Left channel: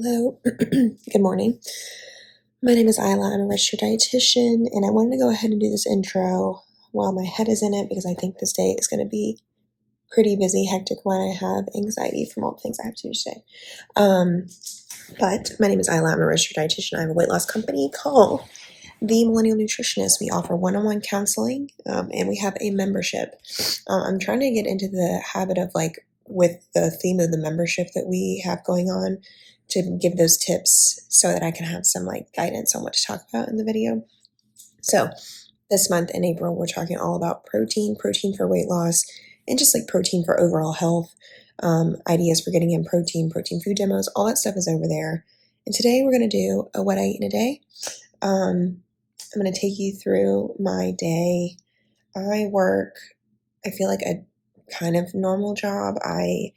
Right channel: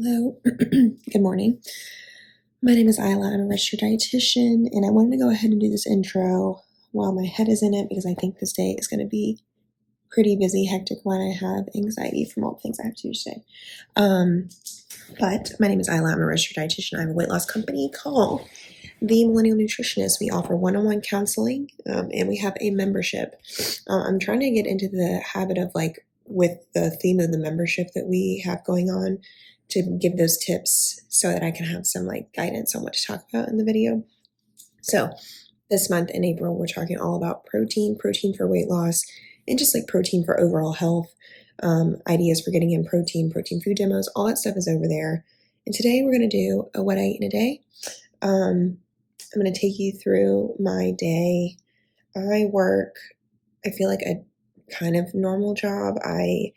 Hello, good morning. My name is Isla. I'm a registered dietitian, and I wanted to go ahead and do this intro while my head is in it because I think this day is going to be pretty busy, hectic when I have anxiety from all the things I have to do today. But my name is Isla. I'm a registered dietitian. I have a weight loss company called the Millennial Nutritionist. We offer one-on-one counseling, and we have a membership. I'm trying to get into the habit of with the theme of the membership that we have going on to give those tips so that I can have some guidance on what to talk about in the video. So this month in April, we're talking all about protein for weight loss, and just protein for overall health, ideas for getting in protein food demos, all that stuff is over there. And today we're going to do a what I eat in a day. I'm going to take you through my day. I feel like a kind of normal job. I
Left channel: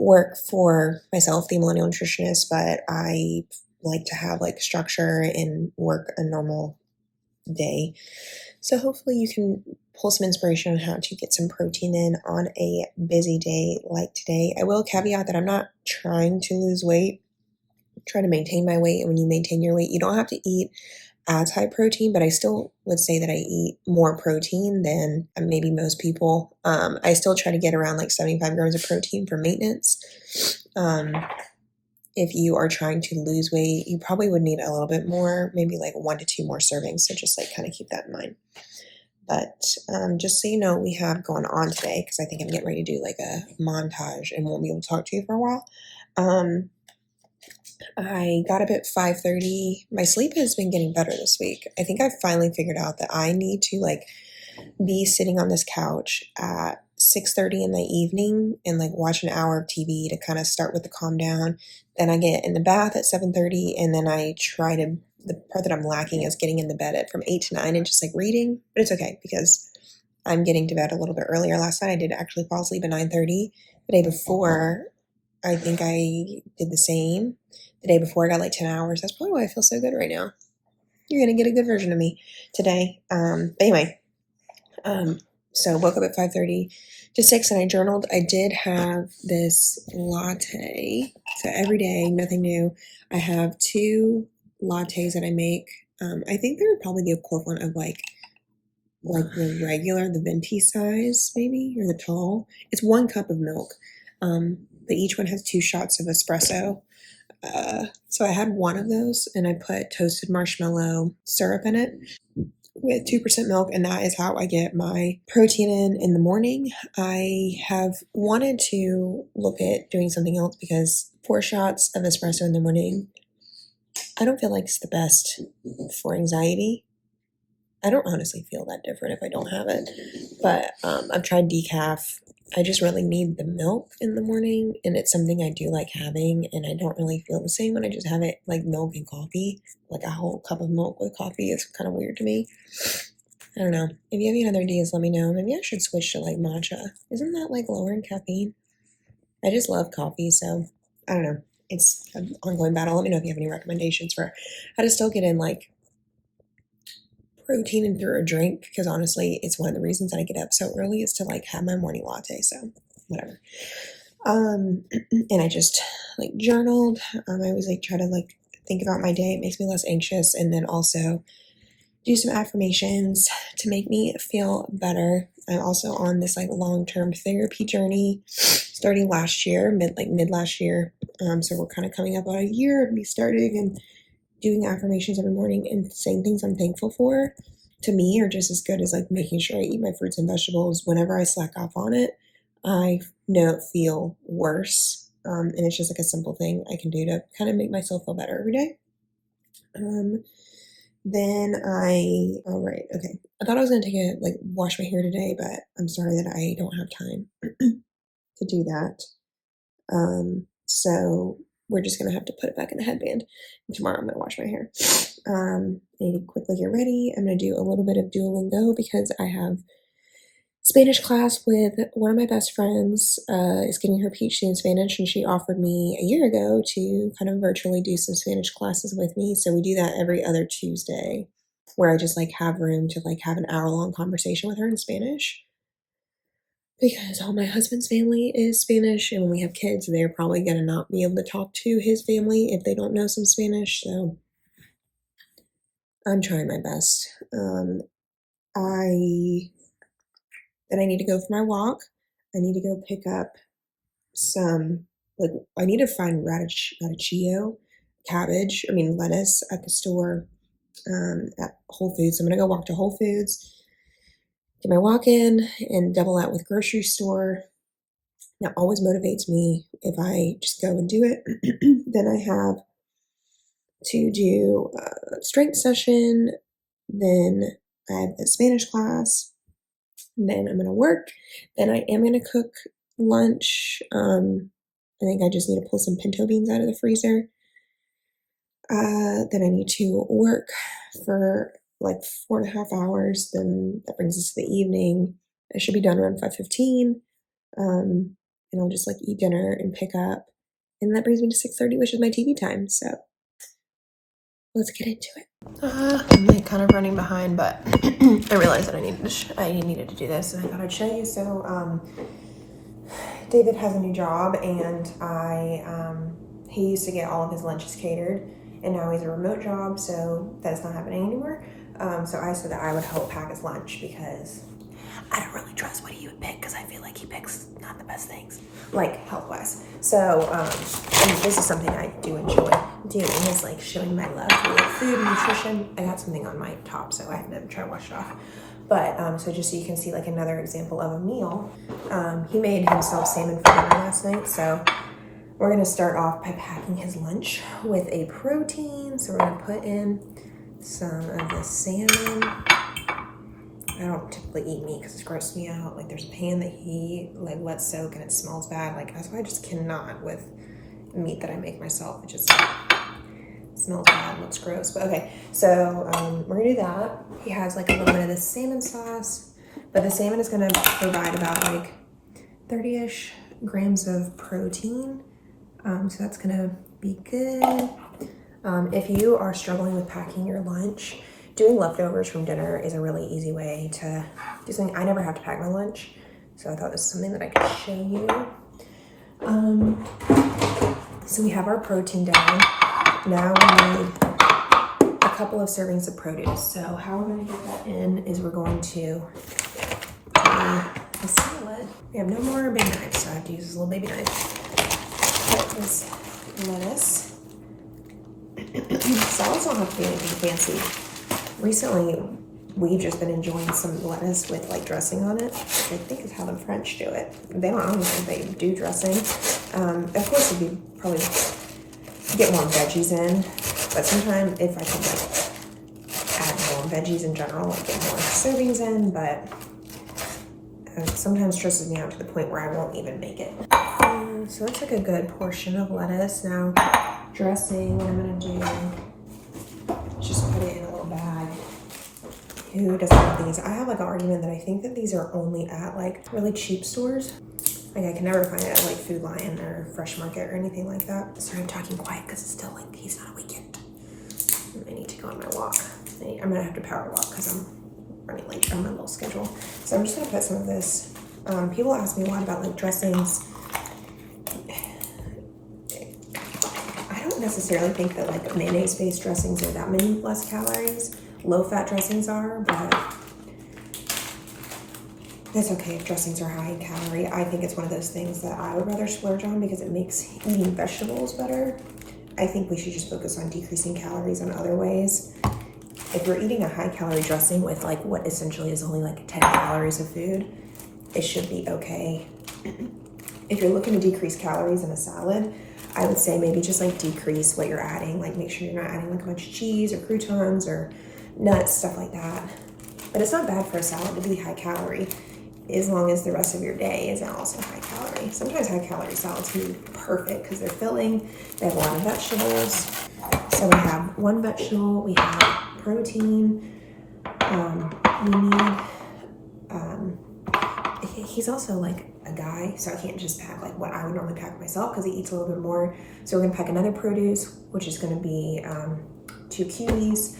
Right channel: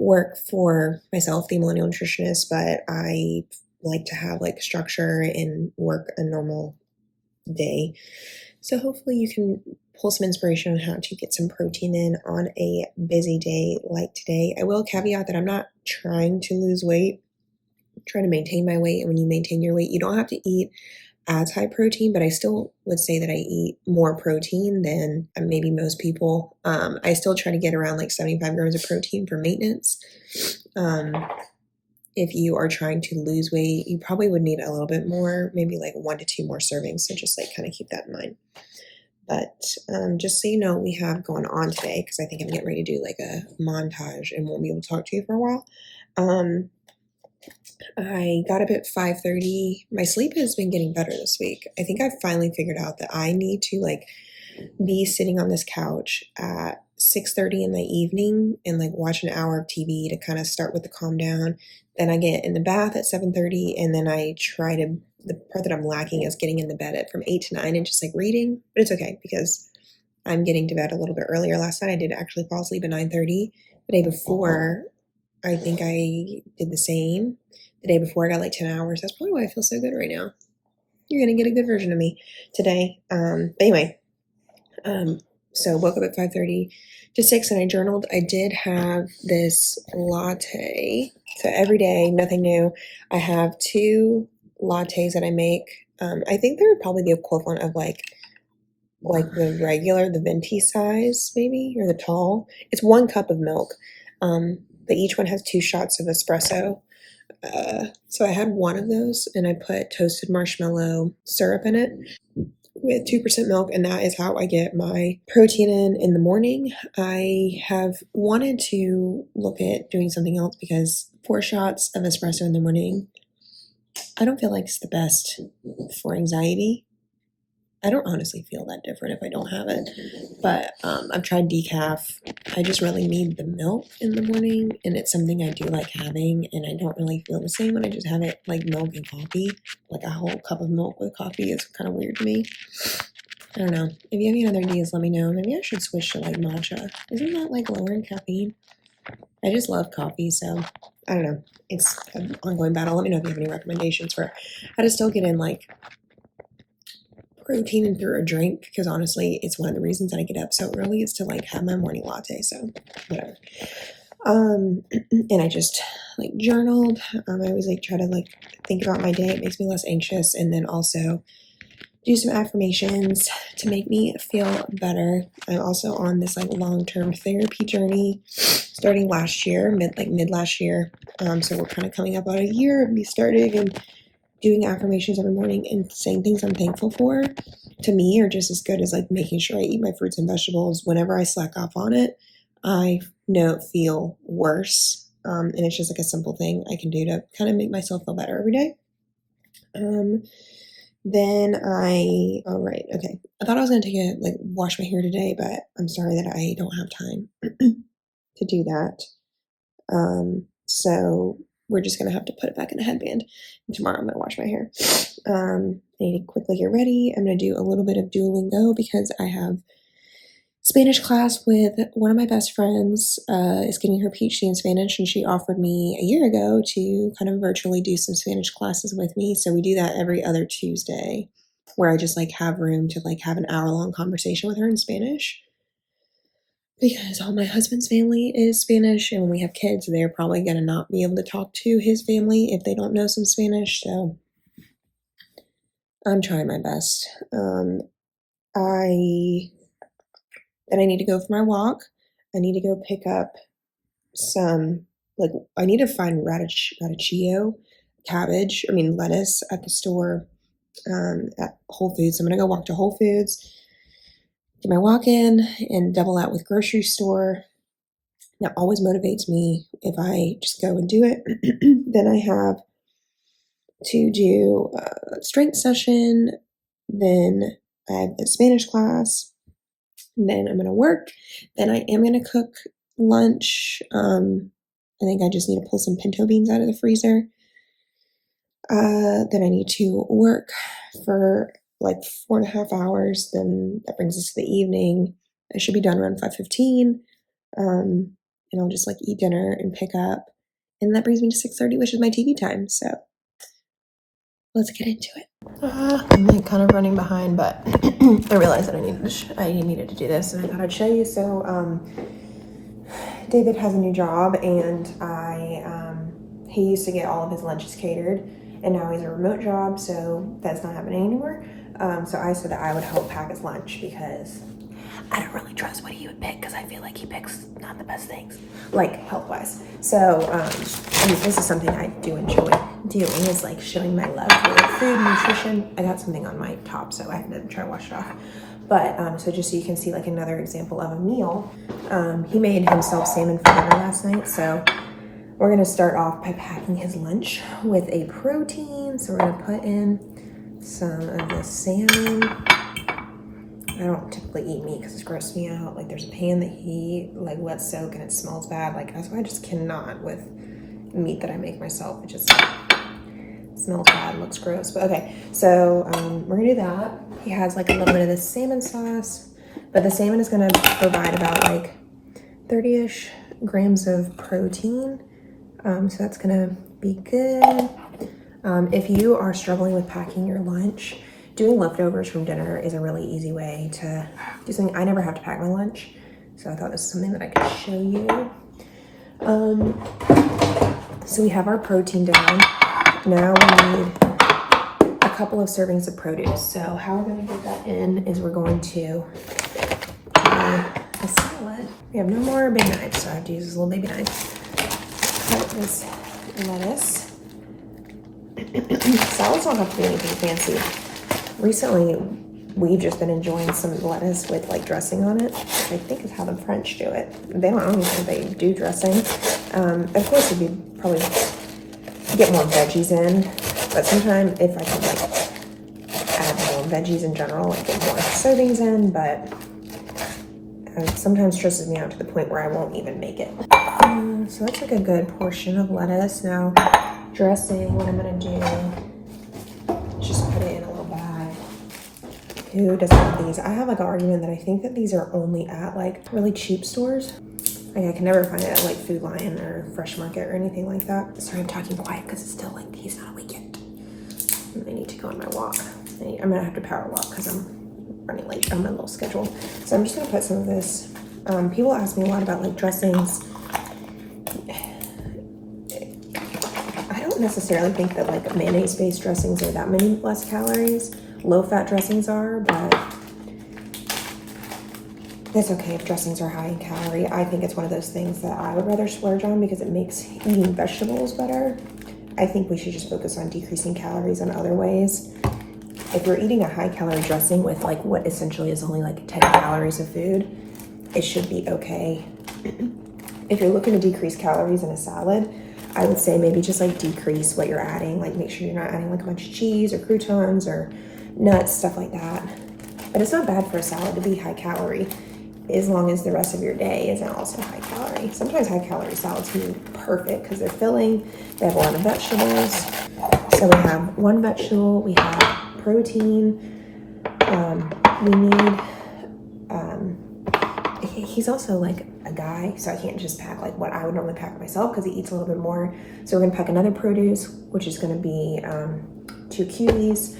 work for myself, the Millennial Nutritionist, but I like to have structure and work a normal day. So hopefully you can pull some inspiration on how to get some protein in on a busy day like today. I will caveat that I'm not trying to lose weight. I'm trying to maintain my weight. And when you maintain your weight, you don't have to eat as high protein, but I still would say that I eat more protein than maybe most people. I still try to get around 75 grams of protein for maintenance. If you are trying to lose weight, you probably would need a little bit more, maybe 1 to 2 more servings. So just kind of keep that in mind. But just so you know, we have going on today, because I think I'm getting ready to do a montage and won't be able to talk to you for a while. I got up at 5:30. My sleep has been getting better this week. I think I've finally figured out that I need to be sitting on this couch at 6:30 in the evening and watch an hour of TV to kind of start with the calm down. Then I get in the bath at 7:30, and then I try to, the part that I'm lacking is getting in the bed at from 8 to 9 and just reading. But it's okay because I'm getting to bed a little bit earlier. Last night I did actually fall asleep at 9:30. The day before, I think I did the same. The day before I got 10 hours. That's probably why I feel so good right now. You're going to get a good version of me today. But anyway, so woke up at 5:30 to 6 and I journaled. I did have this latte. So every day, nothing new. I have 2 lattes that I make. I think they're probably the equivalent of the regular, the venti size maybe, or the tall. It's 1 cup of milk. But each one has 2 shots of espresso. So I had 1 of those and I put toasted marshmallow syrup in it with 2% milk, and that is how I get my protein in the morning. I have wanted to look at doing something else because 4 shots of espresso in the morning, I don't feel like it's the best for anxiety. I don't honestly feel that different if I don't have it, but I've tried decaf. I just really need the milk in the morning, and it's something I do like having, and I don't really feel the same when I just have it milk and coffee. A whole cup of milk with coffee is kind of weird to me. I don't know. If you have any other ideas, let me know. Maybe I should switch to matcha. Isn't that lower in caffeine? I just love coffee, so I don't know. It's an ongoing battle. Let me know if you have any recommendations for how to still get in protein in through a drink, because honestly, it's one of the reasons that I get up so early is to have my morning latte. So whatever. And I just journaled. I always try to think about my day. It makes me less anxious, and then also do some affirmations to make me feel better. I'm also on this long-term therapy journey starting last year, mid last year. So we're kind of coming up on a year of me starting and doing affirmations every morning and saying things I'm thankful for. To me, are just as good as making sure I eat my fruits and vegetables. Whenever I slack off on it, I feel worse. And it's just a simple thing I can do to kind of make myself feel better every day. Okay. I thought I was going to take wash my hair today, but I'm sorry that I don't have time to do that. So we're just going to have to put it back in the headband. And tomorrow I'm going to wash my hair. I need to quickly get ready. I'm going to do a little bit of Duolingo because I have Spanish class with one of my best friends, is getting her PhD in Spanish, and she offered me a year ago to kind of virtually do some Spanish classes with me. So we do that every other Tuesday, where I just have room to have an hour-long conversation with her in Spanish. because all my husband's family is Spanish, and when we have kids, they're probably going to not be able to talk to his family if they don't know some Spanish. So I'm trying my best. I need to go for my walk. I need to go pick up some, like, I need to find radicchio, lettuce at the store, at Whole Foods. So I'm going to go walk to Whole Foods, get my walk in, and double that with grocery store. That always motivates me if I just go and do it. Then I have to do a strength session. Then I have a Spanish class. Then I'm going to work. Then I am going to cook lunch. I think I just need to pull some pinto beans out of the freezer. Then I need to work for like 4.5 hours. Then that brings us to the evening. I should be done around 5:15. And I'll just like eat dinner and pick up. And that brings me to 6:30, which is my TV time. So let's get into it. I'm like kind of running behind, but I realized that I needed to do this, and I thought I'd show you. So David has a new job, and he used to get all of his lunches catered, and now he's a remote job, so that's not happening anymore. So I said that I would help pack his lunch because I don't really trust what he would pick, because I feel like he picks not the best things, like health-wise. So, and this is something I do enjoy doing, is like showing my love for like food and nutrition. I got something on my top, so I had to try to wash it off. But, so just so you can see like another example of a meal, he made himself salmon for dinner last night. So we're going to start off by packing his lunch with a protein. So we're going to put in some of the salmon. I don't typically eat meat because it grosses me out. Like there's a pan that he like lets soak and it smells bad. Like that's why I just cannot with meat that I make myself. It just smells bad, looks gross. But okay, so we're gonna do that. He has like a little bit of this salmon sauce, but the salmon is gonna provide about like 30-ish grams of protein. So that's gonna be good. If you are struggling with packing your lunch, doing leftovers from dinner is a really easy way to do something. I never have to pack my lunch, so I thought this was something that I could show you. So we have our protein down. Now we need a couple of servings of produce. So how we're going to get that in is we're going to do a salad. We have no more big knives, so I have to use this little baby knife. Cut this lettuce. Salads don't have to be anything fancy. Recently, we've just been enjoying some lettuce with like dressing on it, which I think is how the French do it. I don't think they do dressing. Of course, you'd probably get more veggies in, but sometimes if I could like add more veggies in general, like get more servings in, but sometimes stresses me out to the point where I won't even make it. So that's like a good portion of lettuce. Now, dressing, what I'm gonna do, just put it in a little bag. Who doesn't have these? I have like an argument that I think that these are only at like really cheap stores. Like I can never find it at like Food Lion or Fresh Market or anything like that. Sorry, I'm talking quiet because it's still like he's not awake yet. I need to go on my walk. I'm gonna have to power walk because I'm running late on my little schedule. So I'm just gonna put some of this. People ask me a lot about like dressings. I don't necessarily think that like mayonnaise-based dressings are that many less calories. Low-fat dressings are, but that's okay if dressings are high in calorie. I think it's one of those things that I would rather splurge on because it makes eating vegetables better. I think we should just focus on decreasing calories in other ways. If you're eating a high-calorie dressing with like what essentially is only like 10 calories of food, it should be okay. If you're looking to decrease calories in a salad, I would say maybe just like decrease what you're adding. Like make sure you're not adding like a bunch of cheese or croutons or nuts, stuff like that. But it's not bad for a salad to be high calorie as long as the rest of your day isn't also high calorie. Sometimes high calorie salads can be perfect because they're filling, they have a lot of vegetables. So we have one vegetable, we have protein, we need, he's also like a guy, so I can't just pack like what I would normally pack myself because he eats a little bit more. So we're gonna pack another produce, which is gonna be 2 kiwis.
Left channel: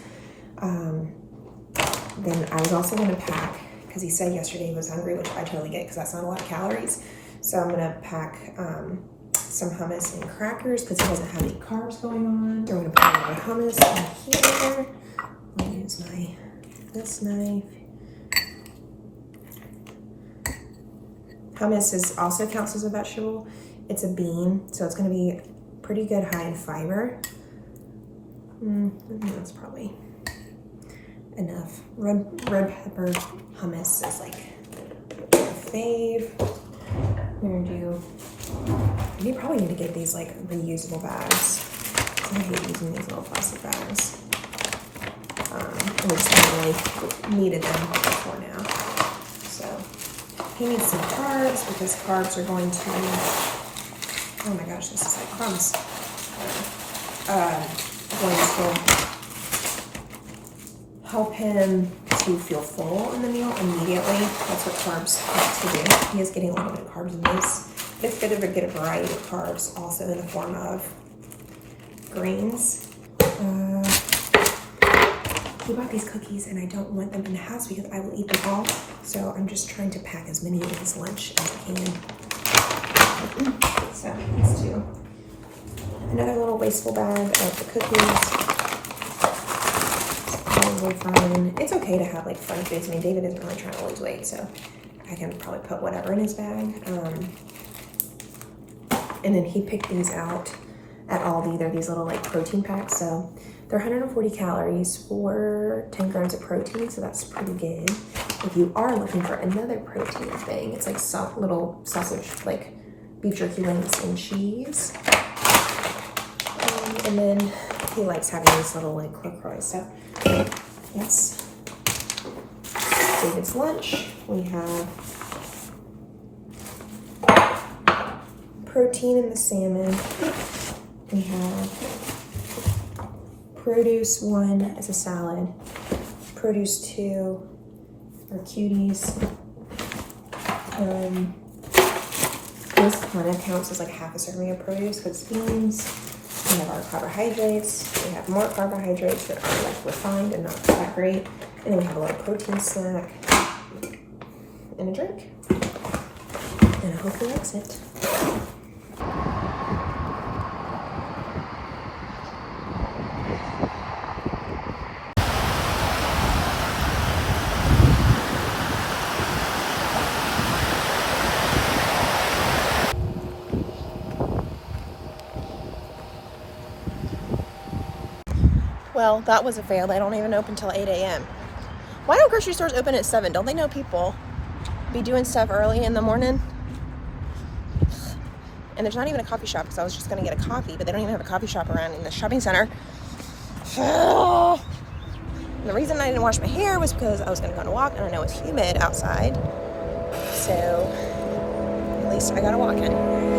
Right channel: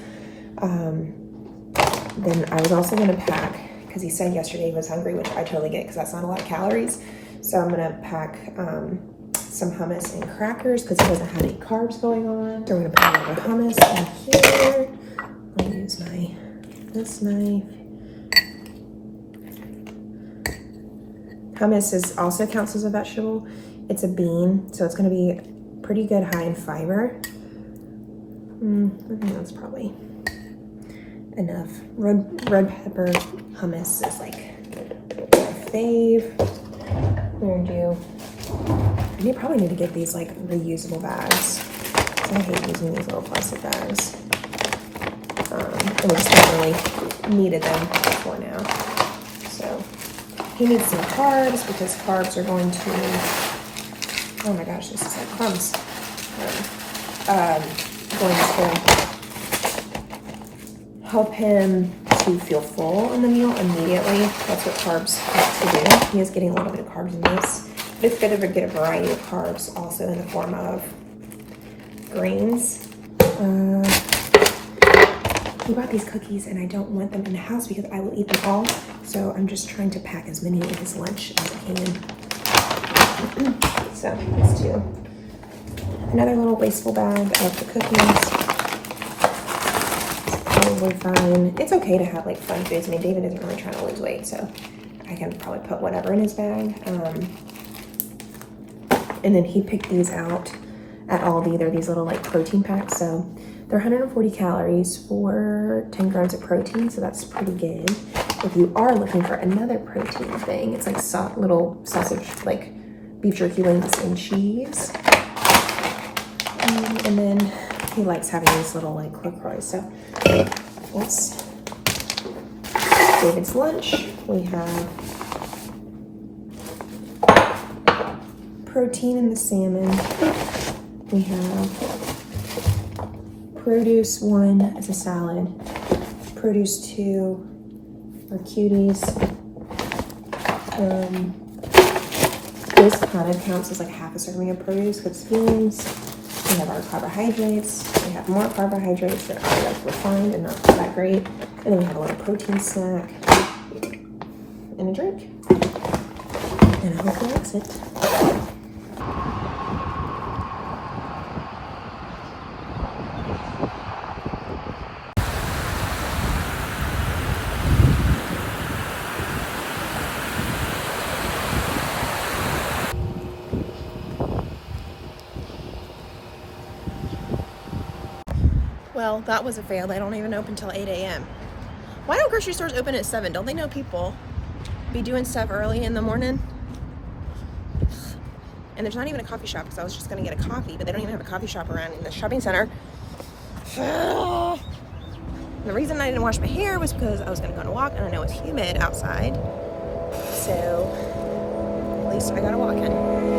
Then I was also gonna pack, because he said yesterday he was hungry, which I totally get because that's not a lot of calories. So I'm gonna pack some hummus and crackers because he doesn't have any carbs going on. So I'm gonna put a little bit of hummus in here. I'll use this knife. Hummus also counts as a vegetable. It's a bean, so it's gonna be pretty good high in fiber. I think that's probably enough. Red pepper hummus is like my fave. I probably need to get these like reusable bags. I hate using these little plastic bags. And we just haven't really needed them before now. So he needs some carbs because carbs are going to, oh my gosh, this is like crumbs. Going to help him to feel full in the meal immediately. That's what carbs like to do. He is getting a little bit of carbs in this. But it's good to get a variety of carbs also in the form of grains. We bought these cookies and I don't want them in the house because I will eat them all. So I'm just trying to pack as many in his lunch as I can. So let's do another little wasteful bag of the cookies. Probably fine. It's okay to have like fun foods. I mean, David isn't really trying to lose weight, so I can probably put whatever in his bag. And then he picked these out at Aldi. They're these little like protein packs. So they're 140 calories for 10 grams of protein. So that's pretty good. If you are looking for another protein thing, it's like little sausage, like beef jerky wings and cheese. And then he likes having these little like LaCroix. So that's David's lunch. We have protein in the salmon. We have produce 1 as a salad. Produce 2 are cuties. This kind of counts as like half a serving of produce because it's beans. We have our carbohydrates. We have more carbohydrates that are like refined and not that great. And then we have a little protein snack and a drink. And I hope he likes it. Well, that was a fail. They don't even open until 8 a.m. Why don't grocery stores open at 7? Don't they know people be doing stuff early in the morning? And there's not even a coffee shop because I was just going to get a coffee, but they don't even have a coffee shop around in the shopping center. And the reason I didn't wash my hair was because I was going to go on a walk and I know it's humid outside. So at least I got a walk in.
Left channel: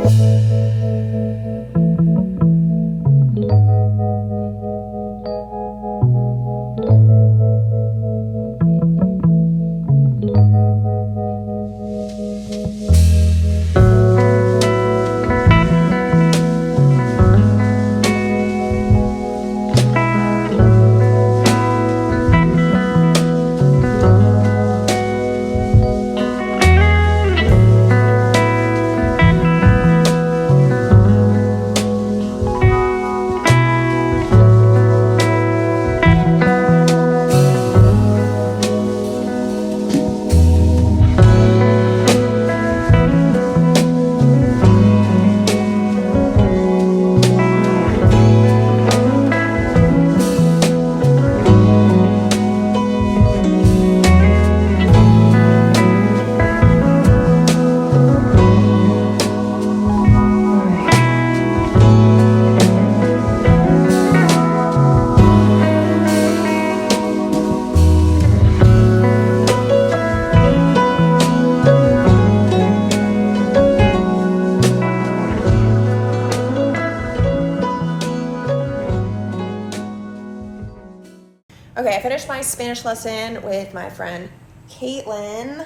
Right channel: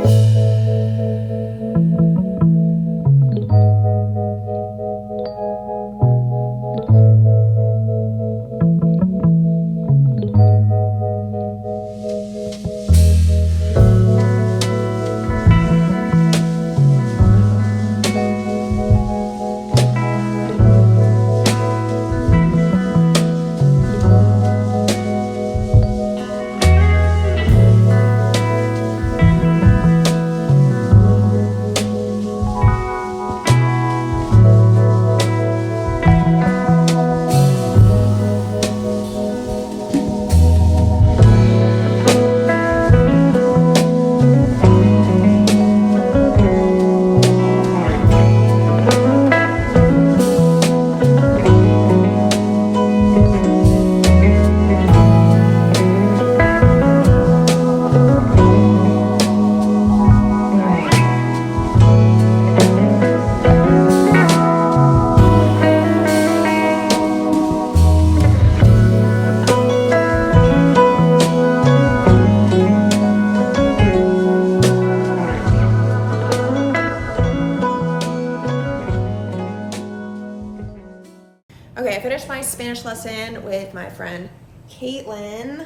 Okay, I finished my Spanish lesson with my friend Caitlin.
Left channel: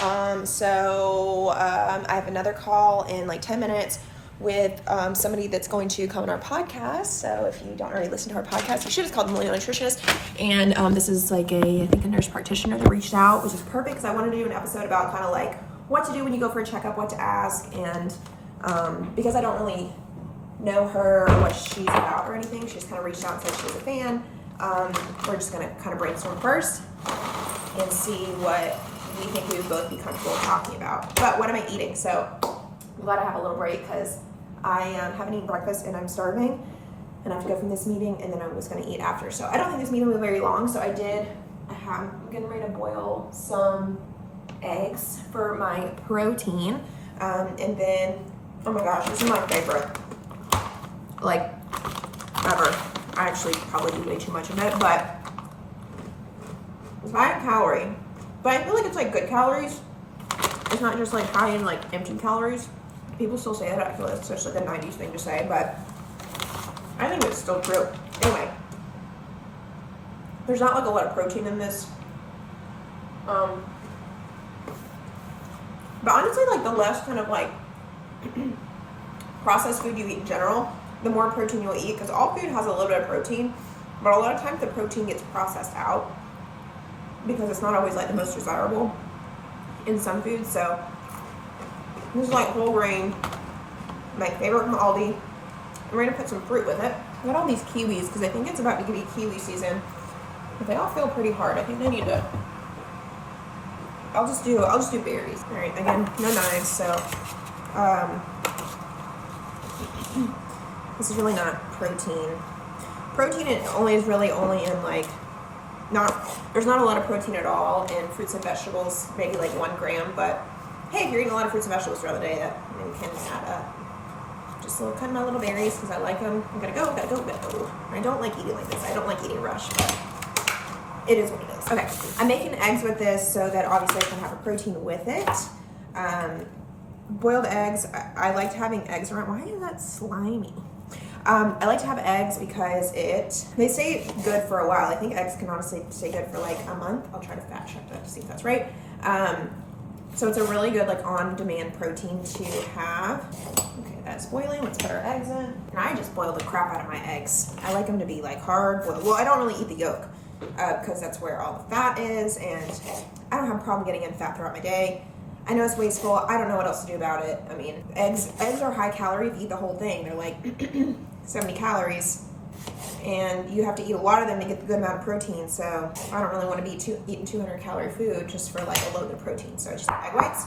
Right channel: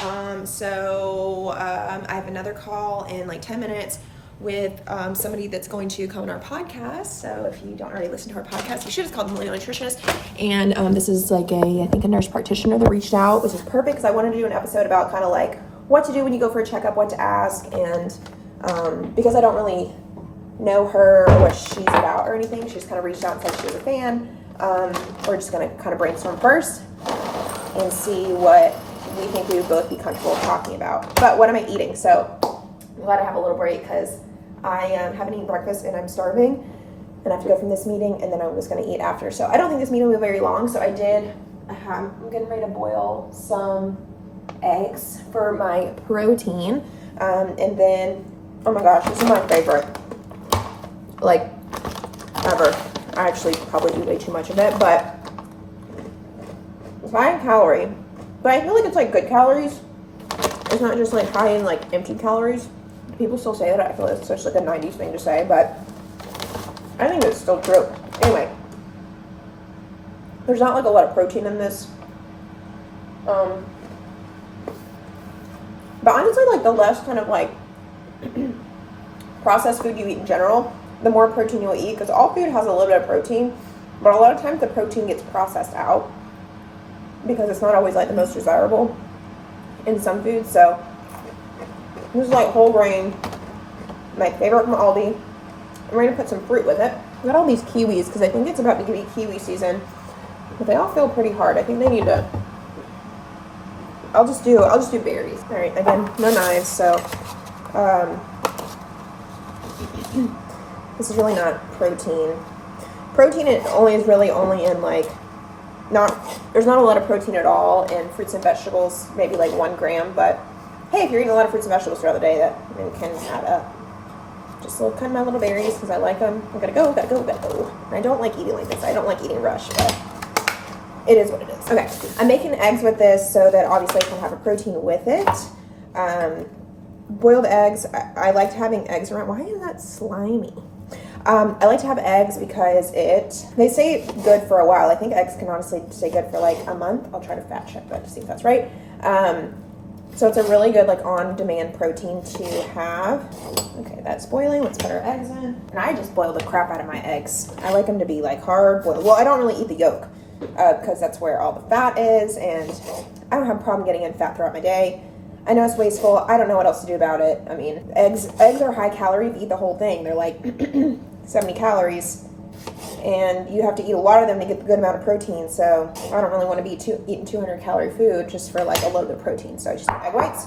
I have another call in like 10 minutes with somebody that's going to come on our podcast. So if you don't already listen to our podcast, you should. It's called the Millennial Nutritionist. And this is like I think a nurse practitioner that reached out, which is perfect because I wanted to do an episode about kind of like what to do when you go for a checkup, what to ask. And because I don't really know her or what she's about or anything, she just kind of reached out and said she was a fan. We're just going to kind of brainstorm first and see what we think we would both be comfortable talking about. But what am I eating? So I'm glad I have a little break because I haven't eaten breakfast and I'm starving and I have to go from this meeting and then I'm just going to eat after. So I don't think this meeting will be very long. So I'm getting ready to boil some eggs for my protein. And then, oh my gosh, this is my favorite, like, ever. I actually probably eat way too much of it, but it's high in calorie. But I feel like it's like good calories. It's not just like high in like empty calories. People still say that. I feel like it's such like a 90s thing to say, but I think it's still true. Anyway, there's not like a lot of protein in this. But honestly, like the less kind of like processed food you eat in general, the more protein you'll eat, because all food has a little bit of protein, but a lot of times the protein gets processed out because it's not always like the most desirable in some foods. So this is like whole grain, my favorite from Aldi. I'm ready to put some fruit with it. I got all these kiwis because I think it's about to be kiwi season, but they all feel pretty hard. I think they need to. I'll just do berries. All right, again, no knives, so this is really not protein. Protein is really only in like, there's not a lot of protein at all in fruits and vegetables, maybe like 1 gram, but hey, if you're eating a lot of fruits and vegetables throughout the day, that can add up. Just cut my little berries because I like them. I gotta go. I don't like eating like this. I don't like eating rush, but it is what it is. Okay, I'm making eggs with this so that obviously I can have a protein with it. Boiled eggs, I liked having eggs around. Why is that slimy? I like to have eggs because they say good for a while. I think eggs can honestly stay good for like a month. I'll try to fact check that to see if that's right. So it's a really good like on-demand protein to have. Okay, that's boiling. Let's put our eggs in. And I just boil the crap out of my eggs. I like them to be like hard boiled. Well, I don't really eat the yolk because that's where all the fat is, and I don't have a problem getting in fat throughout my day. I know it's wasteful. I don't know what else to do about it. I mean, eggs are high calorie if you eat the whole thing. They're like 70 calories, and you have to eat a lot of them to get the good amount of protein. So I don't really want to be eating 200 calorie food just for like a little bit of protein. So I just eat egg whites,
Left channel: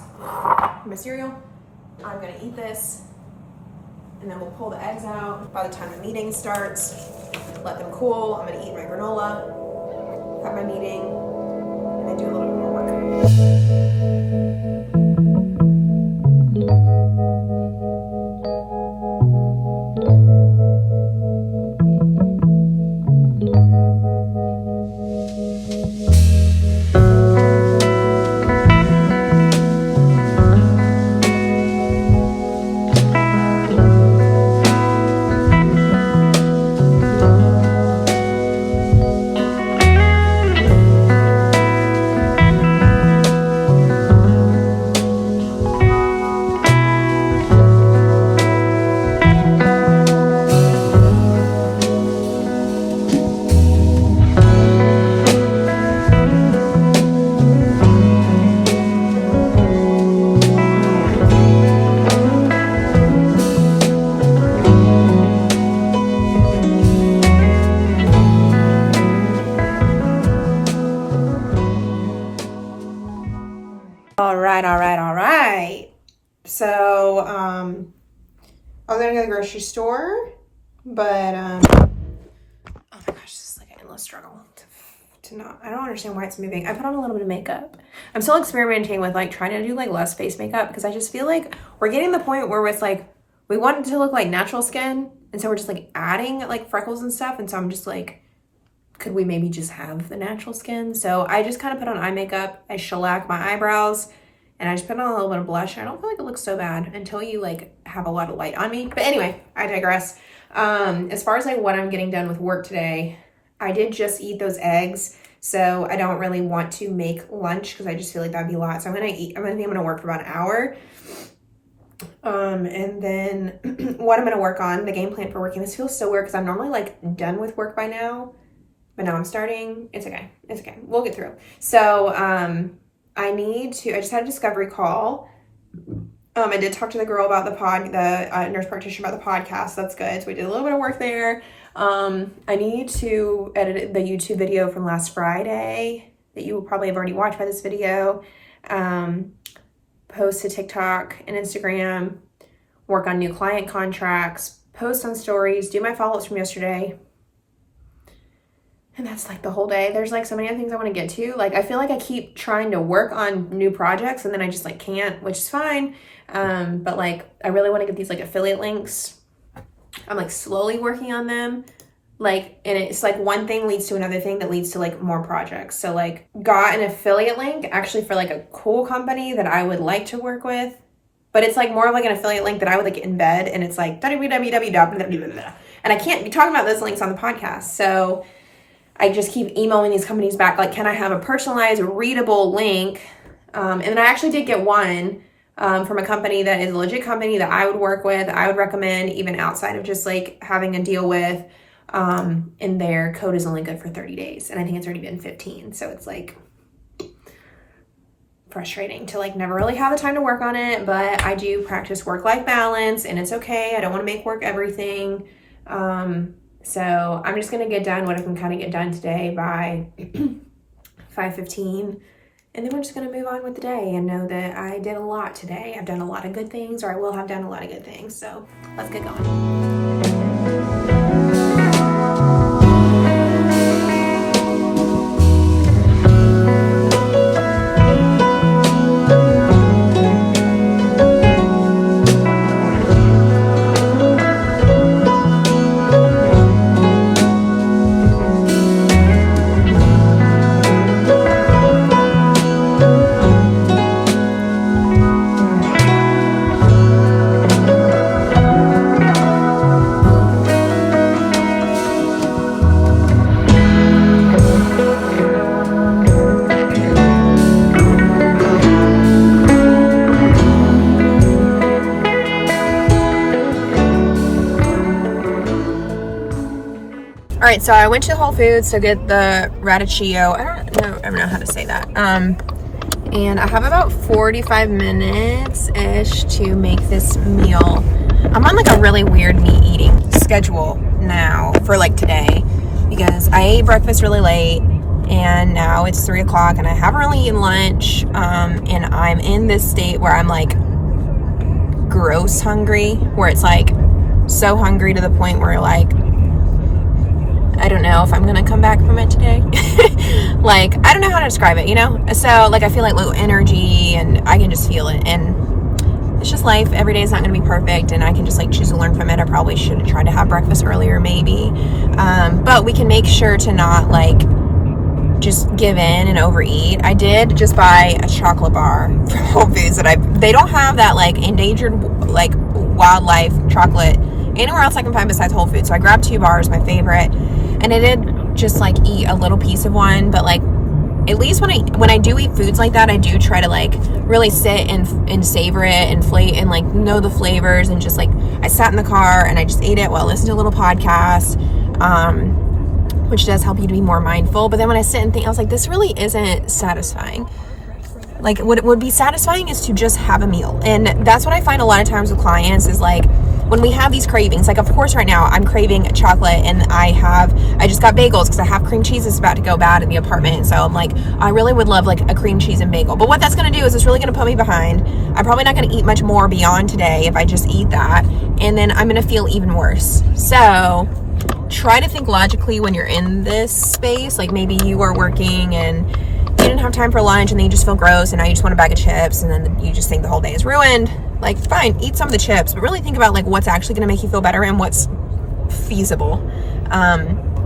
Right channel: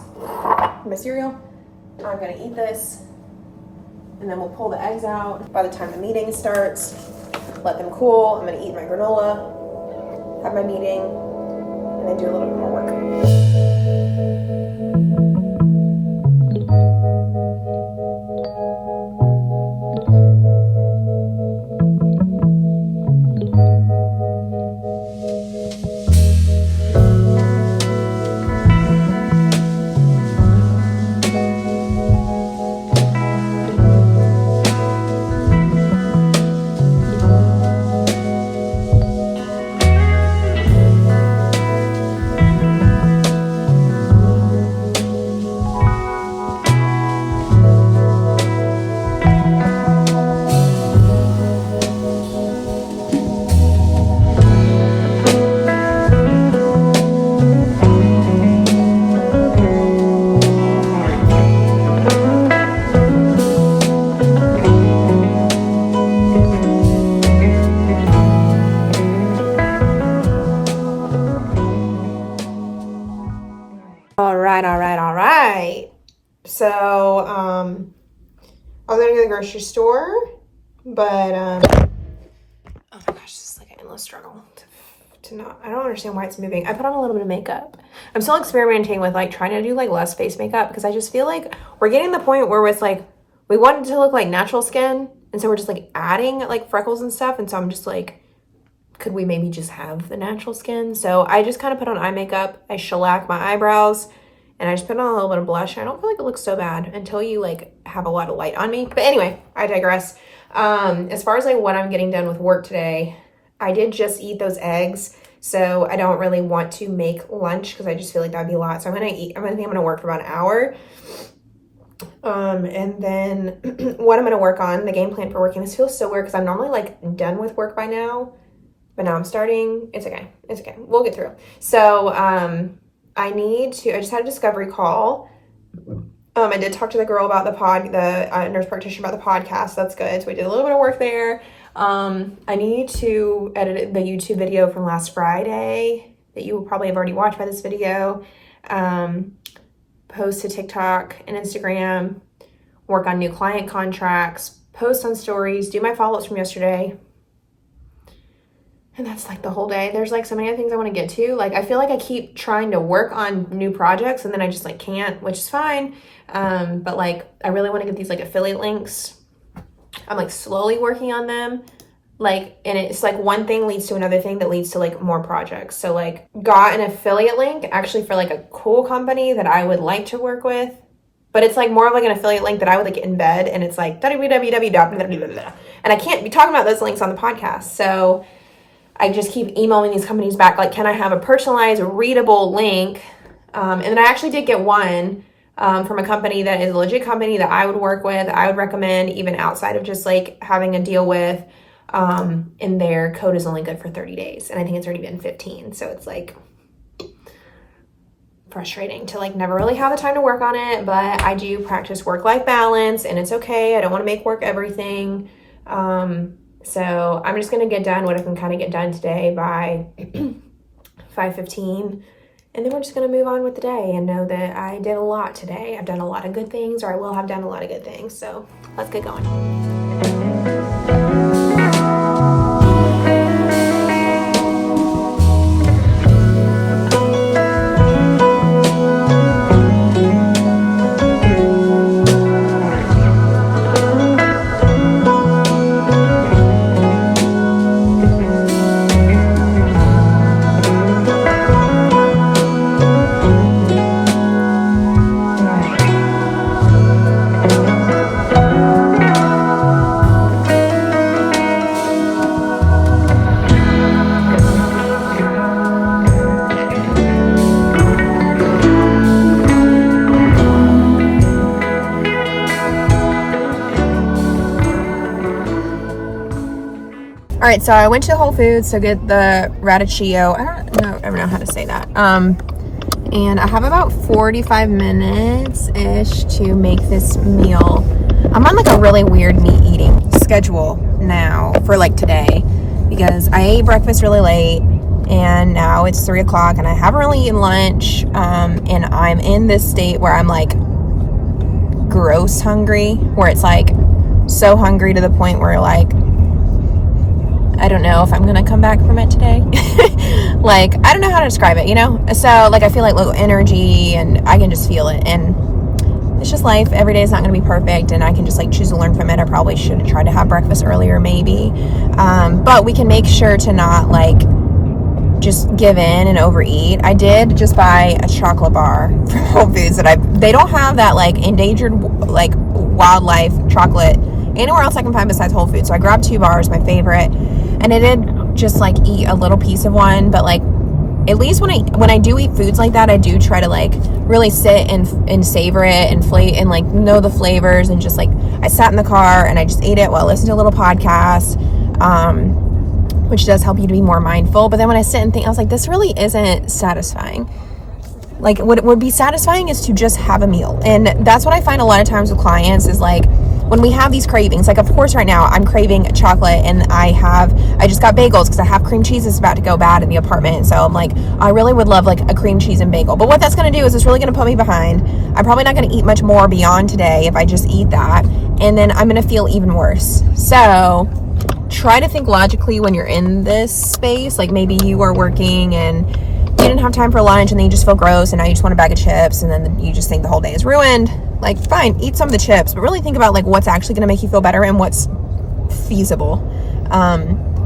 my cereal. I'm going to eat this, and then we'll pull the eggs out. By the time the meeting starts, let them cool. I'm going to eat my granola, have my meeting, and then do a little bit more work. All right. So, I was gonna go to the grocery store, but, oh my gosh, this is like an endless struggle to not, I don't understand why it's moving. I put on a little bit of makeup. I'm still experimenting with like trying to do like less face makeup because I just feel like we're getting to the point where it's like, we want it to look like natural skin. And so we're just like adding like freckles and stuff. And so I'm just like, could we maybe just have the natural skin? So I just kind of put on eye makeup. I shellac my eyebrows. And I just put on a little bit of blush. I don't feel like it looks so bad until you like have a lot of light on me. But anyway, I digress. As far as like what I'm getting done with work today, I did just eat those eggs. So I don't really want to make lunch because I just feel like that'd be a lot. So I'm gonna work for about an hour. And then what I'm going to work on, the game plan for working. This feels so weird because I'm normally like done with work by now, but now I'm starting. It's okay. It's okay. We'll get through. So, I just had a discovery call. I did talk to the girl about the nurse practitioner about the podcast. That's good. So we did a little bit of work there. I need to edit the YouTube video from last Friday that you will probably have already watched by this video. Post to TikTok and Instagram, work on new client contracts, post on stories, do my follow-ups from yesterday. And that's like the whole day. There's like so many other things I want to get to. Like, I feel like I keep trying to work on new projects and then I just like can't, which is fine. But like, I really want to get these like affiliate links. I'm like slowly working on them. Like, and it's like one thing leads to another thing that leads to like more projects. So like got an affiliate link actually for like a cool company that I would like to work with, but it's like more of like an affiliate link that I would like embed, and it's like www. And I can't be talking about those links on the podcast. So I just keep emailing these companies back, like, can I have a personalized readable link? And then I actually did get one from a company that is a legit company that I would work with. I would recommend, even outside of just like having a deal with. And their code is only good for 30 days. And I think it's already been 15. So it's like frustrating to like never really have the time to work on it. But I do practice work-life balance and it's okay. I don't want to make work everything. So I'm just going to get done what I can kind of get done today by 5:15. And then we're just going to move on with the day and know that I did a lot today. I've done a lot of good things, or I will have done a lot of good things. So let's get going. All right, so I went to Whole Foods to get the radicchio. I don't know how to say that. And I have about 45 minutes-ish to make this meal. I'm on like a really weird meat eating schedule now for like today, because I ate breakfast really late and now it's 3 o'clock and I haven't really eaten lunch. And I'm in this state where I'm like gross hungry, where it's like so hungry to the point where like, I don't know if I'm gonna come back from it today. Like, I don't know how to describe it, you know? So like, I feel like low energy and I can just feel it, and it's just life. Every day is not gonna be perfect, and I can just like choose to learn from it. I probably should have tried to have breakfast earlier maybe. But we can make sure to not like just give in and overeat. I did just buy a chocolate bar from Whole Foods they don't have that like endangered like wildlife chocolate anywhere else I can find besides Whole Foods. So I grabbed 2 bars, my favorite, and I did just like eat a little piece of one. But like, at least when I do eat foods like that, I do try to like really sit and savor it and like know the flavors, and just like I sat in the car and I just ate it while I listened to a little podcast, which does help you to be more mindful. But then when I sit and think, I was like, this really isn't satisfying. Like, what would be satisfying is to just have a meal. And that's what I find a lot of times with clients is like, when we have these cravings, like of course right now I'm craving chocolate, and I just got bagels because I have cream cheese that's about to go bad in the apartment. So I'm like, I really would love like a cream cheese and bagel. But what that's going to do is it's really going to put me behind. I'm probably not going to eat much more beyond today if I just eat that. And then I'm going to feel even worse. So try to think logically when you're in this space. Like maybe you are working and you didn't have time for lunch, and then you just feel gross, and now you just want a bag of chips, and then you just think the whole day is ruined. Like, fine, eat some of the chips, but really think about like what's actually going to make you feel better and what's feasible.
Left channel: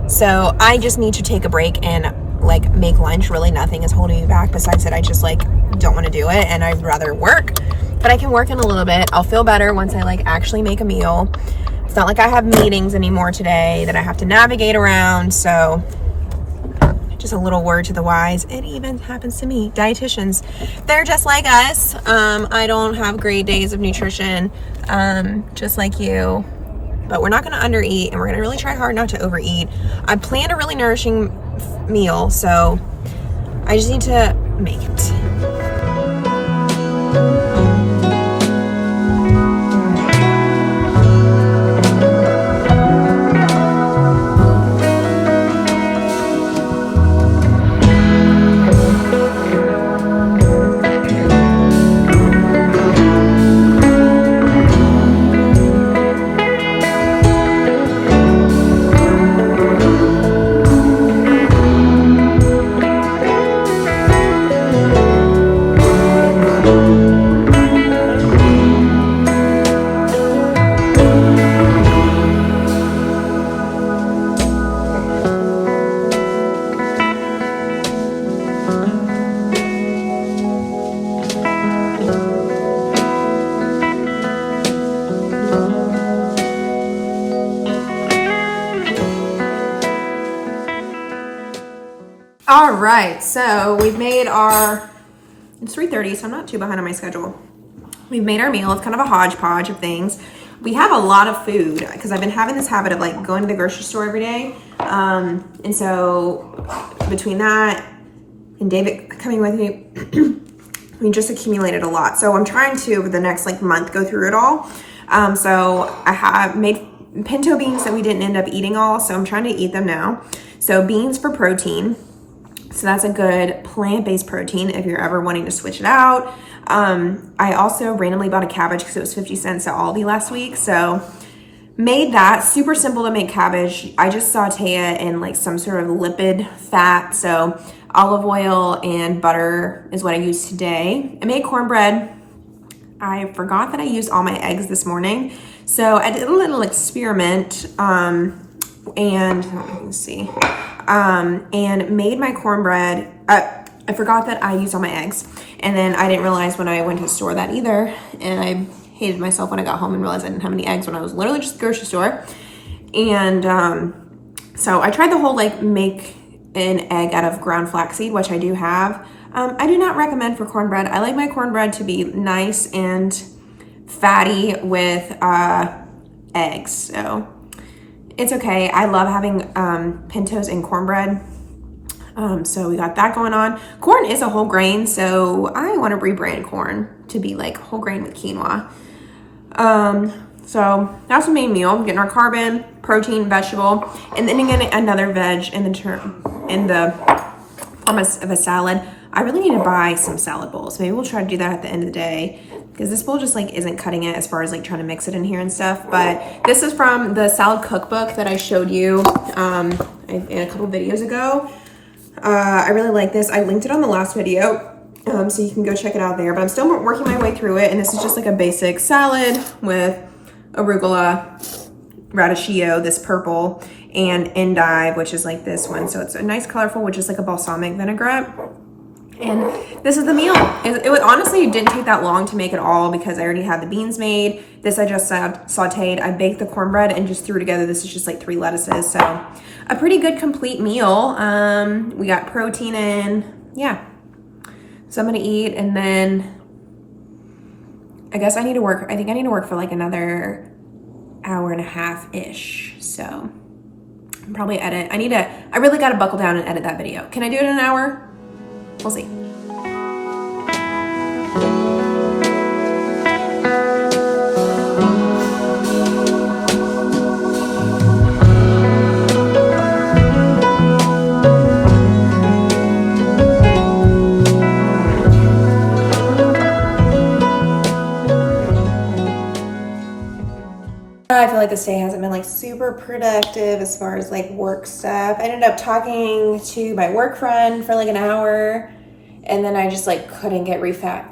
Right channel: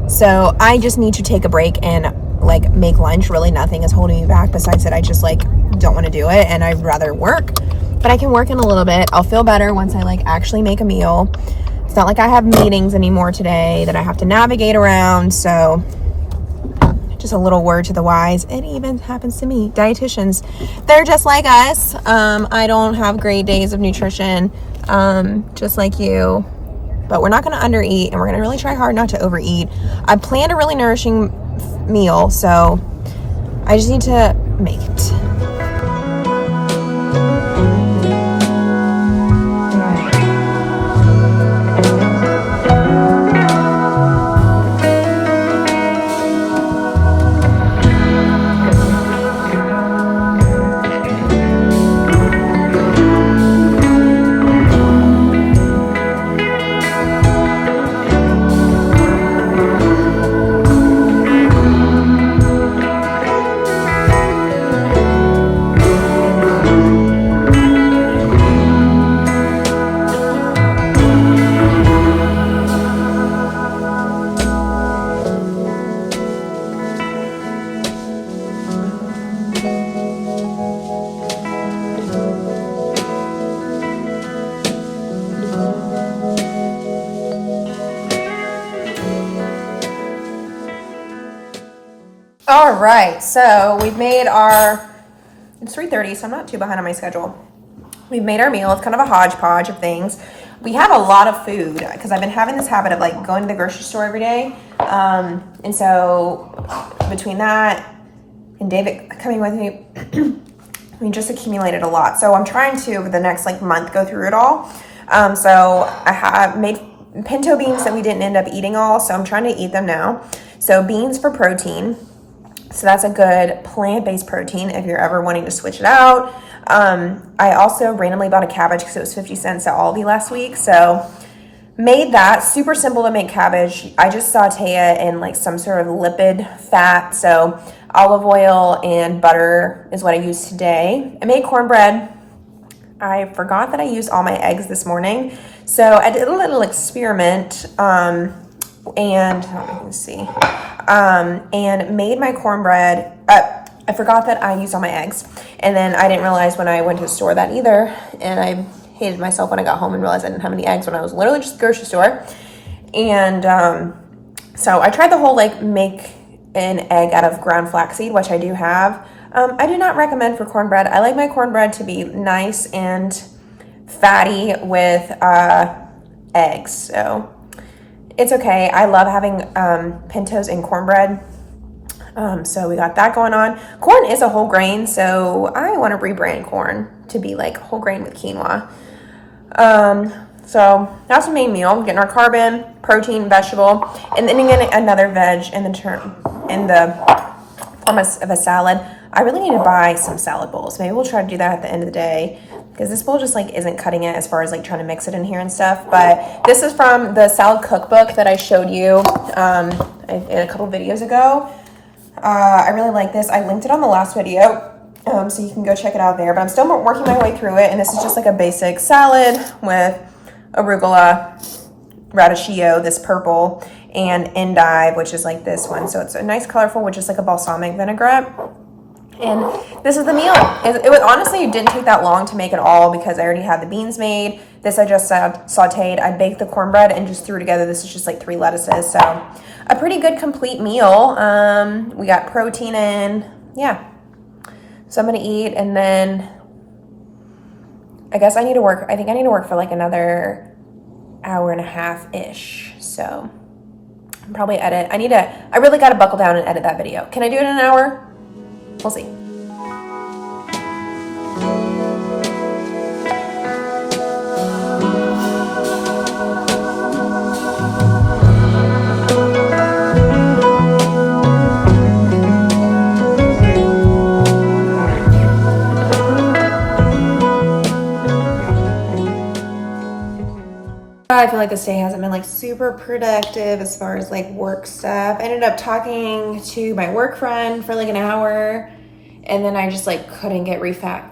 So I just need to take a break and like make lunch. Really nothing is holding me back besides that I just like don't want to do it, and I'd rather work. But I can work in a little bit. I'll feel better once I like actually make a meal. It's not like I have meetings anymore today that I have to navigate around. So just a little word to the wise. It even happens to me. Dietitians, they're just like us. I don't have great days of nutrition, just like you. But we're not going to undereat, and we're going to really try hard not to overeat. I planned a really nourishing meal, so I just need to make it. All right, so we've made it's 3:30, so I'm not too behind on my schedule. We've made our meal. It's kind of a hodgepodge of things. We have a lot of food because I've been having this habit of like going to the grocery store every day. And so between that and David coming with me, we just accumulated a lot. So I'm trying to, over the next like month, go through it all. So I have made pinto beans that we didn't end up eating all, so I'm trying to eat them now. So beans for protein. So that's a good plant-based protein if you're ever wanting to switch it out. I also randomly bought a cabbage because it was 50 cents at Aldi last week. So made that. Super simple to make cabbage. I just saute it in like some sort of lipid fat. So olive oil and butter is what I used today. I made cornbread. I forgot that I used all my eggs this morning. So I did a little experiment and made my cornbread. I forgot that I used all my eggs, and then I didn't realize when I went to the store that either, and I hated myself when I got home and realized I didn't have any eggs when I was literally just at the grocery store. And so I tried the whole like make an egg out of ground flaxseed, which I do have. I do not recommend for cornbread. I like my cornbread to be nice and fatty with eggs, so it's okay. I love having pintos in cornbread. So we got that going on. Corn is a whole grain, so I want to rebrand corn to be like whole grain with quinoa. So that's the main meal. Getting our carb in, protein, vegetable, and then getting another veg in the form of a salad. I really need to buy some salad bowls. Maybe we'll try to do that at the end of the day, because this bowl just like isn't cutting it as far as like trying to mix it in here and stuff. But this is from the salad cookbook that I showed you in a couple videos ago. I really like this. I linked it on the last video, so you can go check it out there. But I'm still working my way through it, and this is just like a basic salad with arugula, radicchio, this purple, and endive, which is like this one. So it's a nice colorful, which is like a balsamic vinaigrette. And this is the meal. It was honestly, it didn't take that long to make it all because I already had the beans made. This I just sauteed. I baked the cornbread and just threw together. This is just like 3 lettuces. So a pretty good complete meal. We got protein in. Yeah. So I'm going to eat, and then I guess I need to work. I think I need to work for like another hour and a half-ish. So I'll probably edit. I really got to buckle down and edit that video. Can I do it in an hour? We'll see. I feel like this day hasn't been like super productive as far as like work stuff. I ended up talking to my work friend for like an hour, and then I just like couldn't get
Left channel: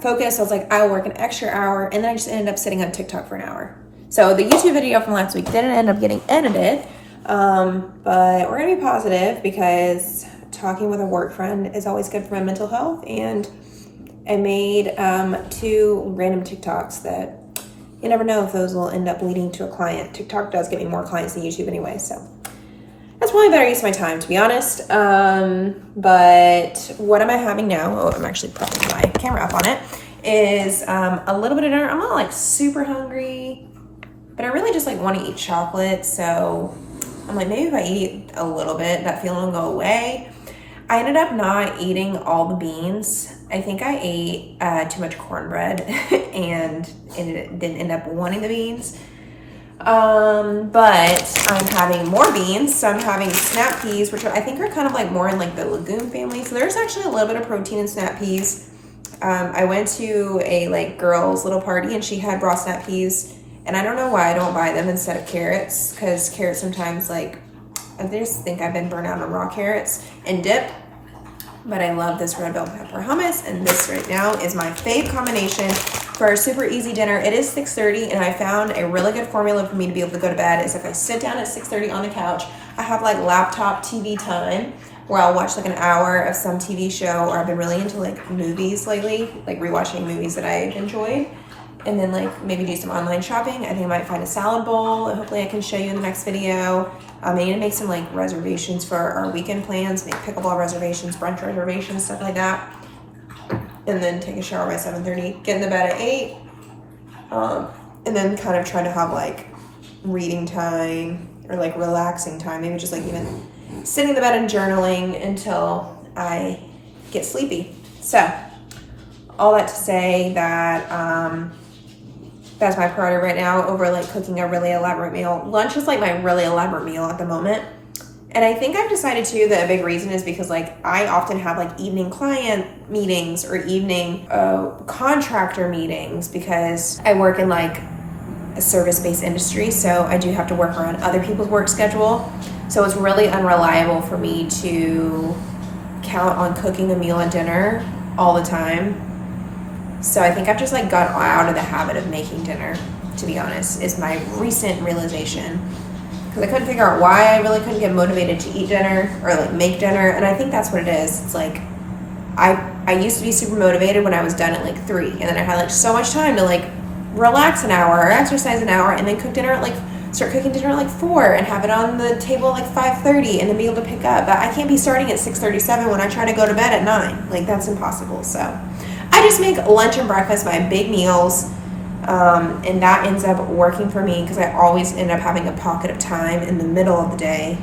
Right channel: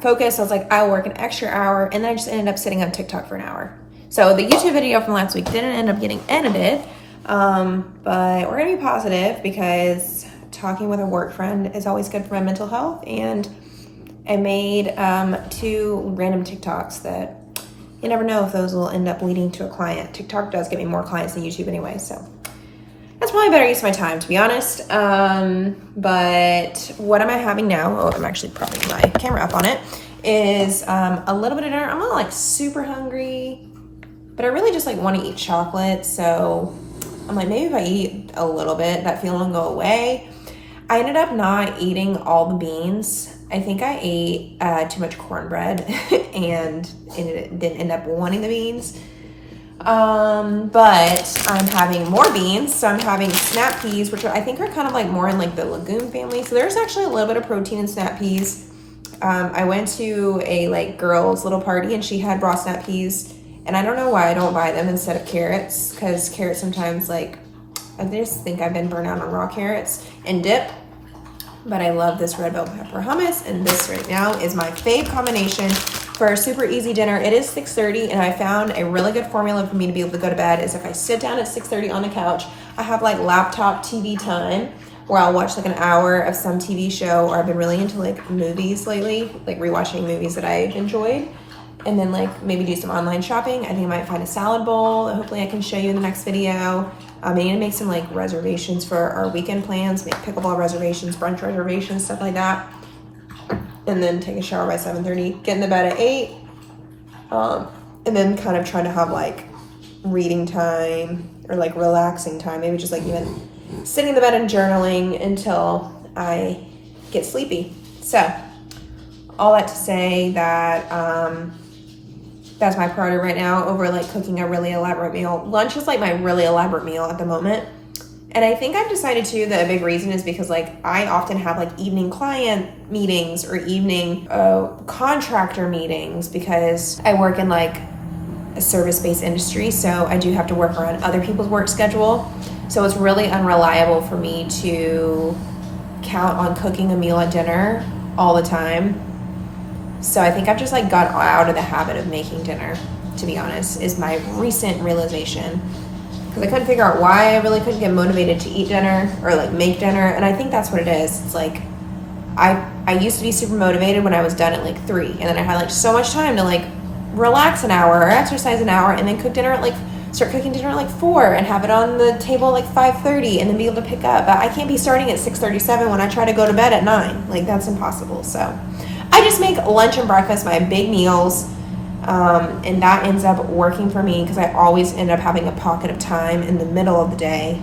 focused. I was like, I'll work an extra hour, and then I just ended up sitting on TikTok for an hour. So the YouTube video from last week didn't end up getting edited, but we're gonna be positive because talking with a work friend is always good for my mental health. And I made 2 random TikToks that you never know if those will end up leading to a client. TikTok does get me more clients than YouTube anyway, so That's probably a better use of my time, to be honest. But what am I having now? Oh, I'm actually propping my camera up on it. Is a little bit of dinner. I'm not like super hungry, but I really just like want to eat chocolate. So I'm like, maybe if I eat a little bit, that feeling will go away. I ended up not eating all the beans. I think I ate too much cornbread and it didn't end up wanting the beans. But I'm having more beans. So I'm having snap peas, which I think are kind of like more in like the legume family. So there's actually a little bit of protein in snap peas. I went to a like girls' little party and she had raw snap peas, and I don't know why I don't buy them instead of carrots, because carrots sometimes like, I just think I've been burnt out on raw carrots and dip. But I love this red bell pepper hummus, and this right now is my fave combination for a super easy dinner. It is 6:30, and I found a really good formula for me to be able to go to bed is if I sit down at 6:30 on the couch, I have like laptop TV time where I'll watch like an hour of some TV show, or I've been really into like movies lately, like rewatching movies that I've enjoyed, and then like maybe do some online shopping. I think I might find a salad bowl, and hopefully I can show you in the next video. I need to make some like reservations for our weekend plans, make pickleball reservations, brunch reservations, stuff like that. And then take a shower by 7:30, get in the bed at 8, and then kind of try to have like reading time or like relaxing time, maybe just like even sitting in the bed and journaling until I get sleepy. So all that to say that that's my priority right now over like cooking a really elaborate meal. Lunch is like my really elaborate meal at the moment. And I think I've decided too that a big reason is because like I often have like evening client meetings or evening contractor meetings because I work in like a service-based industry. So I do have to work around other people's work schedule. So it's really unreliable for me to count on cooking a meal and dinner all the time. So I think I've just like got out of the habit of making dinner, to be honest, is my recent realization. Because I couldn't figure out why I really couldn't get motivated to eat dinner or like make dinner. And I think that's what it is. It's like I used to be super motivated when I was done at like 3. And then I had like so much time to like relax an hour or exercise an hour and then start cooking dinner at like 4 and have it on the table at like 5:30 and then be able to pick up. But I can't be starting at 6:37 when I try to go to bed at 9. Like that's impossible. So I just make lunch and breakfast my big meals. And that ends up working for me because I always end up having a pocket of time in the middle of the day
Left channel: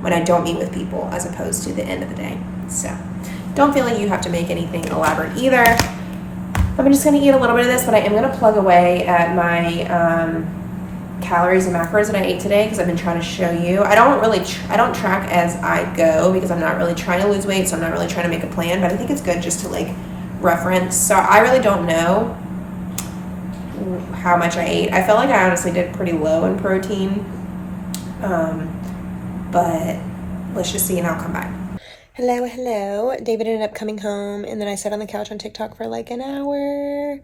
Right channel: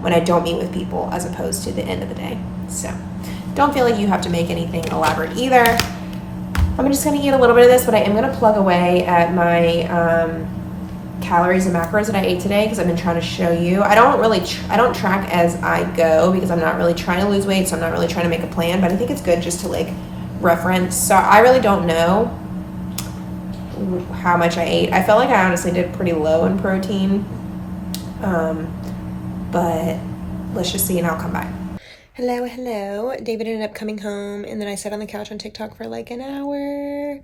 when I don't meet with people as opposed to the end of the day. So don't feel like you have to make anything elaborate either. I'm just going to eat a little bit of this, but I am going to plug away at my calories and macros that I ate today because I've been trying to show you. I don't track as I go because I'm not really trying to lose weight, so I'm not really trying to make a plan, but I think it's good just to like reference. So I really don't know how much I ate. I felt like I honestly did pretty low in protein, but let's just see and I'll come back. Hello. David ended up coming home and then I sat on the couch on TikTok for like an hour.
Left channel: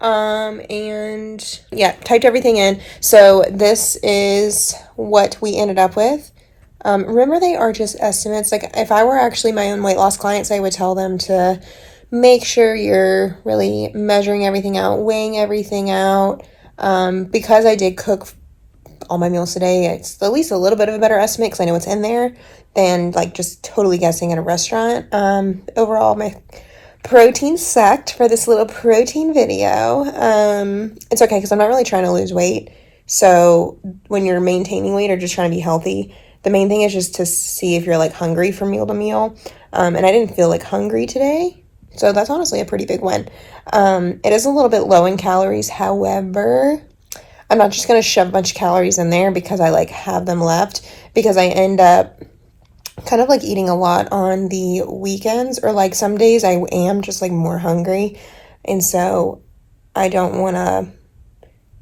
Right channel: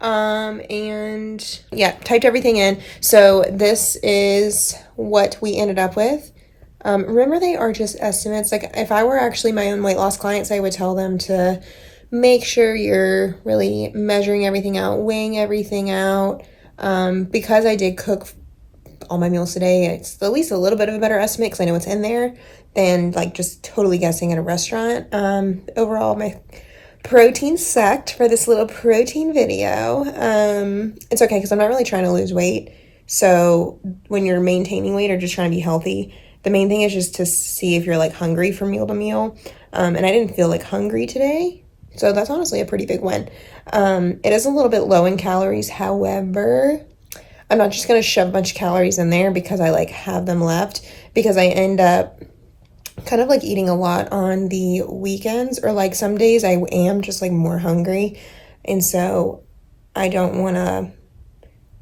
And yeah, typed everything in. So this is what we ended up with. Remember, they are just estimates. Like if I were actually my own weight loss clients, I would tell them to make sure you're really measuring everything out, weighing everything out. Because I did cook all my meals today, it's at least a little bit of a better estimate because I know what's in there than like just totally guessing at a restaurant. Overall, my protein sucked for this little protein video. It's okay because I'm not really trying to lose weight. So when you're maintaining weight or just trying to be healthy, the main thing is just to see if you're like hungry from meal to meal. And I didn't feel like hungry today. So that's honestly a pretty big win. It is a little bit low in calories. However, I'm not just going to shove a bunch of calories in there because I like have them left, because I end up kind of like eating a lot on the weekends, or like some days I am just like more hungry. And so I don't want to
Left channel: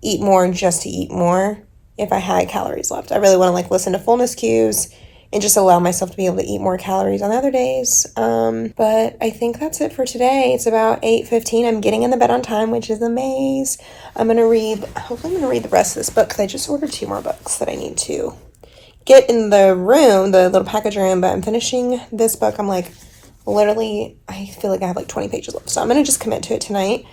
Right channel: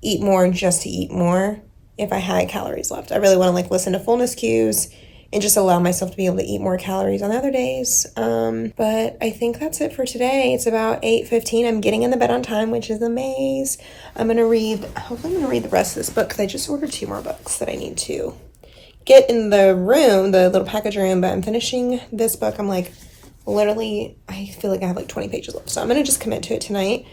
eat more just to eat more if I had calories left. I really want to like listen to fullness cues and just allow myself to be able to eat more calories on the other days. But I think that's it for today. It's about 8:15. I'm getting in the bed on time, which is amazing. Hopefully I'm going to read the rest of this book because I just ordered 2 more books that I need to get in the room, the little package room, but I'm finishing this book. I'm like, literally, I feel like I have like 20 pages left. So I'm going to just commit to it tonight.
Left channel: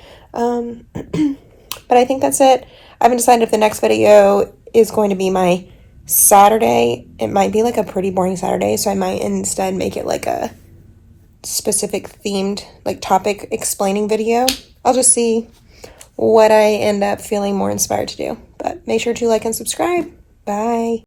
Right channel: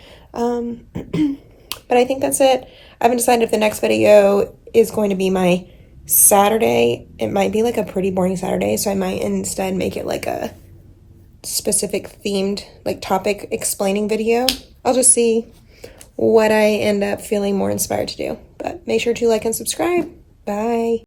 But I think that's it. I haven't decided if the next video is going to be my Saturday, it might be like a pretty boring Saturday, so I might instead make it like a specific themed, like topic explaining video. I'll just see what I end up feeling more inspired to do. But make sure to like and subscribe. Bye.